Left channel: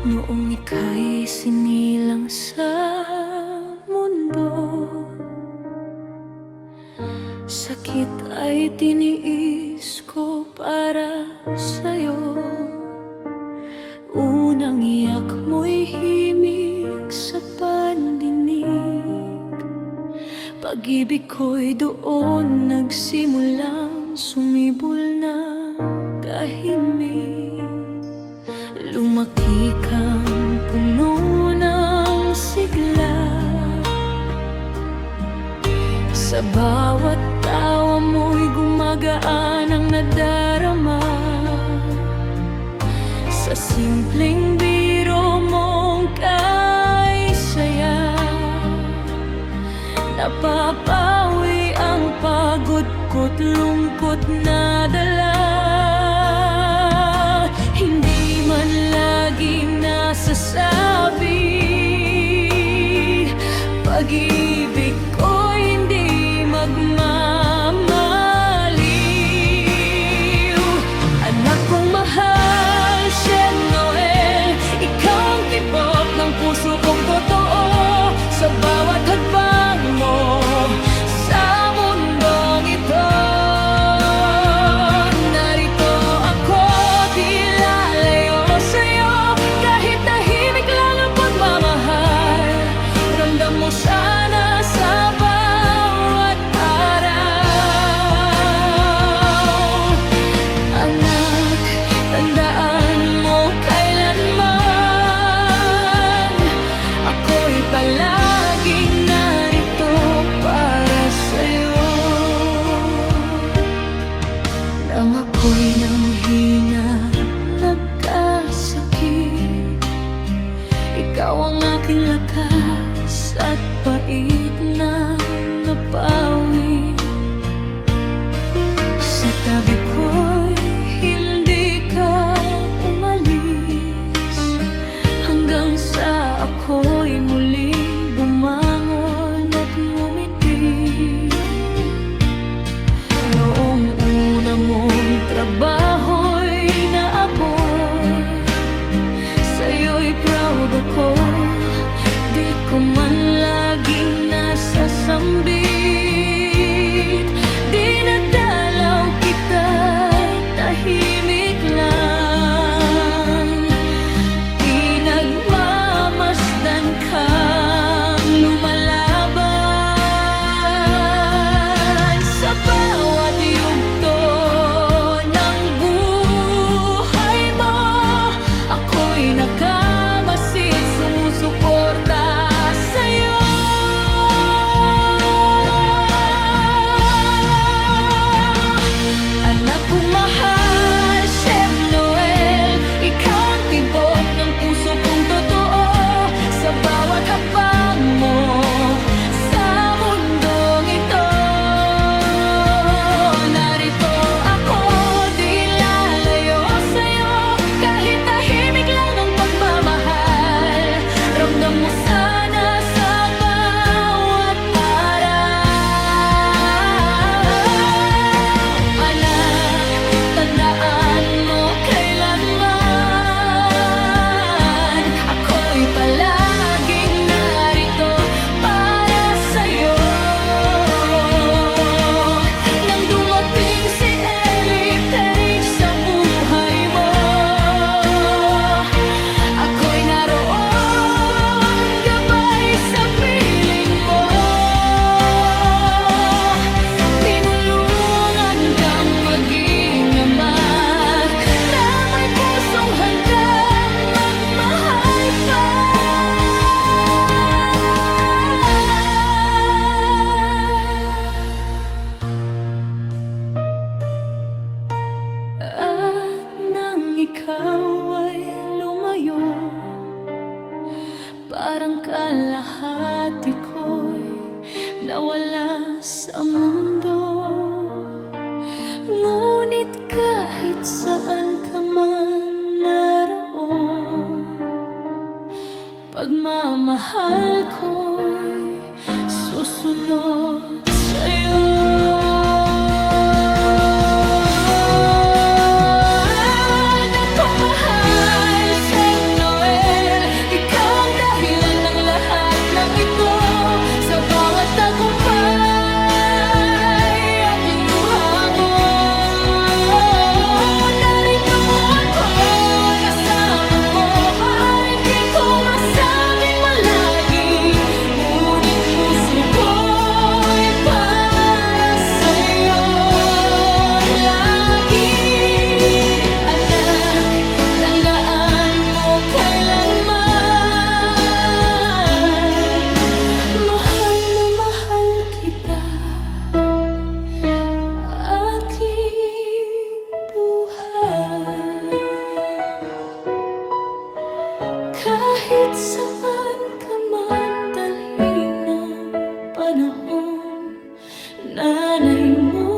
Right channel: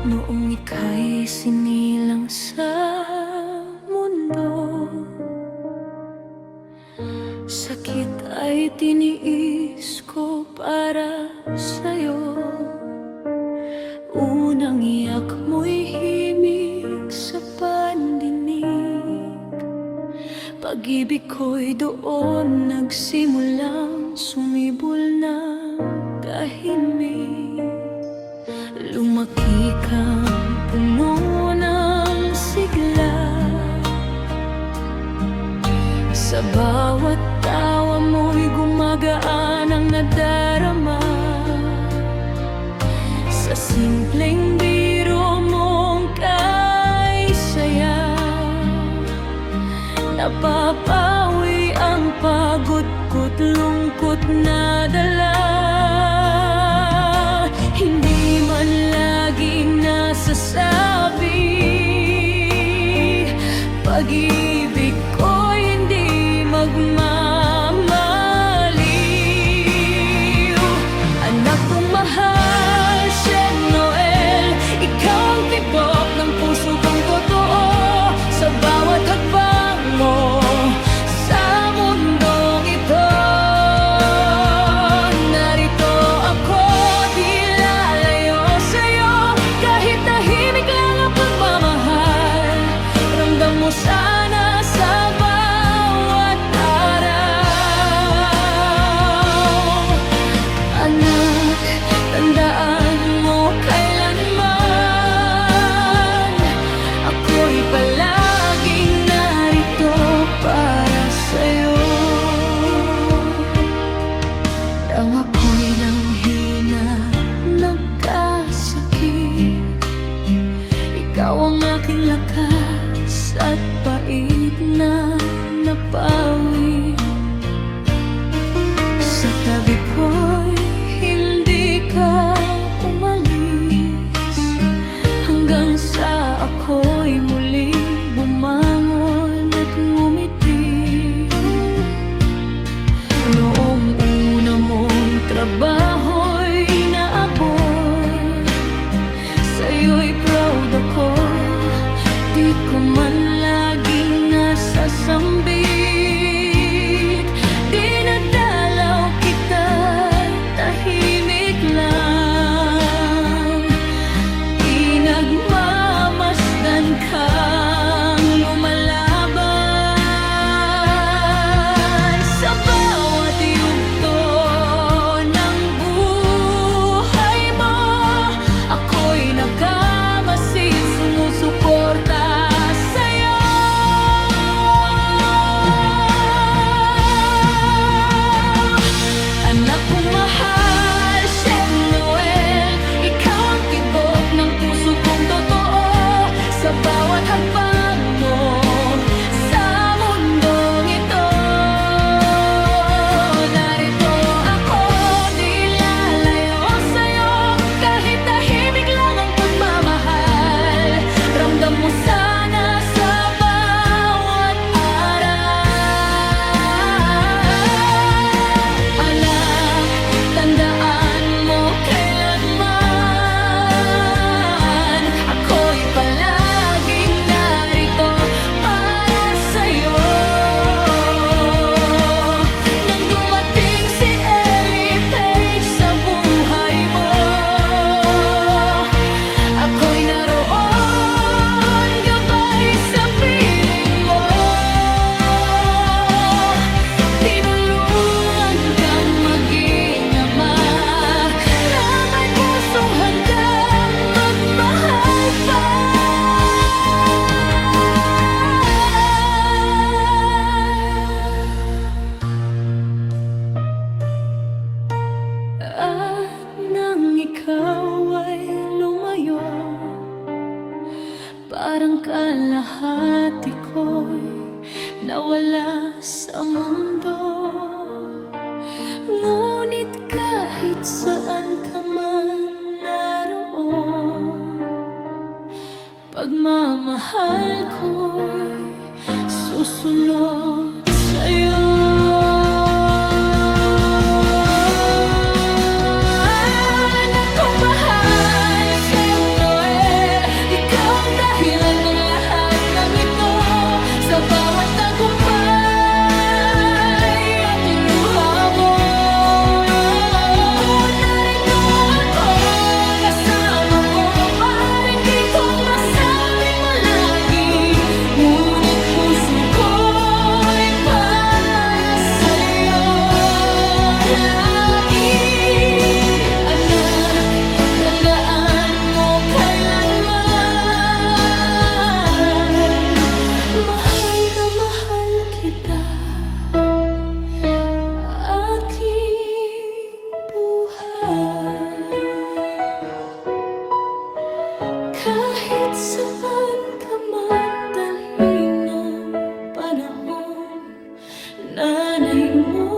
Noong ika'y sinilang sa mundo, sakit ay tiniis ko para sa'yo. Unang iyak mo'y himig sa pandinig, pag-ibig ko'y doon nagsimulang sumibol na tahimik. Lumaki kang puno ng sigla, sa bawat tawa mo'y gumagaan ang nadarama. Sa simpleng biro mong kay saya, napapawi ang pagod ko't lungkot na dala. Hindi man laging nasasabi, pag-ibig ko'y hindi magmamaliw. Anak kong mahal, Shen Noel, ikaw ang tibok ng puso kong totoo. Sa bawat hakbang mo sa mundong ito, narito ako, di lalayo sa'yo. Kahit tahimik lang ang pagmamahal, ramdam mo sana sa bawat araw. Anak, tandaan mo kailanman, ako'y palaging narito para sa'yo. Nang ako'y nanghina, nagkasakit, ikaw ang aking lakas at pait na napawi. Sa tabi ko'y hindi ka umalis, hanggang sa ako'y muling bumangon at ngumiti. Noong una mong trabaho'y naabot, sa'yo'y proud ako, di ko man laging nasasambit. Dinadalaw kita, tahimik lang, pinagmamasdan kang lumalaban. Sa bawat yugto ng buhay mo, ako'y nakamasid, sumusuporta sa'yo. Anak kong mahal, Shem Noel, ikaw ang tibok ng puso kong totoo. Sa bawat hakbang mo sa mundong ito, narito ako, di lalayo sa'yo. Kahit tahimik lang ang pagmamahal, ramdam mo sana sa bawat araw. Anak, tandaan mo kailanman, ako'y palaging narito para sa'yo. Nang dumating si Ellie Page sa buhay mo, ako'y naroon gabay sa piling mo. Tinulungan kang maging ama na may pusong handang magmahal pa. At nang ikaw ay lumayo, parang kalahati ko'y nawala sa mundo. Ngunit kahit saan ka man naroon, pagmamahal ko'y susunod sa'yo. Anak kong mahal, Shen Noel, Kahit saan ka man dalhin ng panahon, nanay mo